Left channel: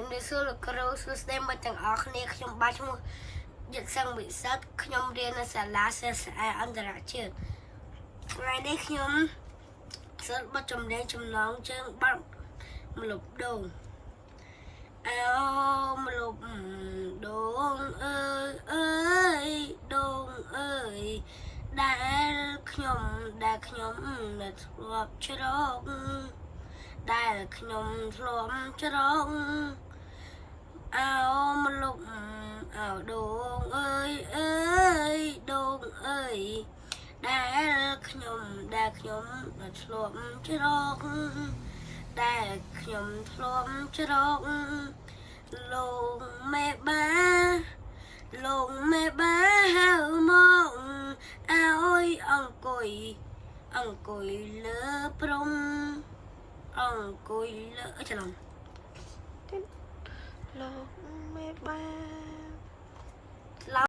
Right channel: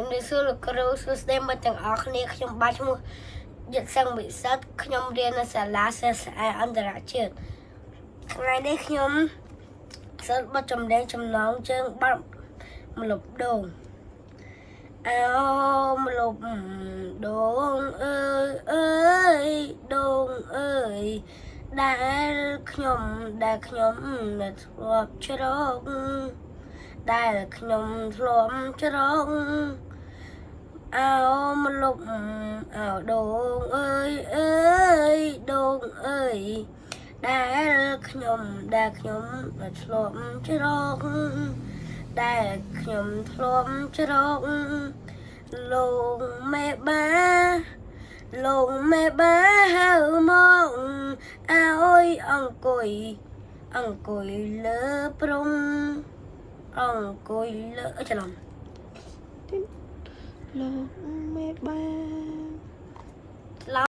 ជំរាបសួរលោកគ្រូសួស្តីមកទាំងអស់គ្នាខ្ញុំបាទឈ្មោះយិតសឹងវិសិទ្ធខ្ញុំរៀននៅសាលាសិស្សឯអន្តរជាតិថ្ងៃនេះខ្ញុំសិលបទចម្រៀងចំណងជើងបាត់ម្លប់ដូងអោម្លប់ដូងអើយដូងអើយដែលខ្ញុំនៅធ្លាប់ច្រកដែលខ្ញុំធ្លាប់ច្រកអោម្លប់អោដូងអើយដូងអើយដែលខ្ញុំធ្លាប់ច្រកដែលខ្ញុំធ្លាប់ច្រកលោកមេបាហៅមកឲ្យអង្គុយលើព្រំអង្គុយលើច្រឡំលោកមេបា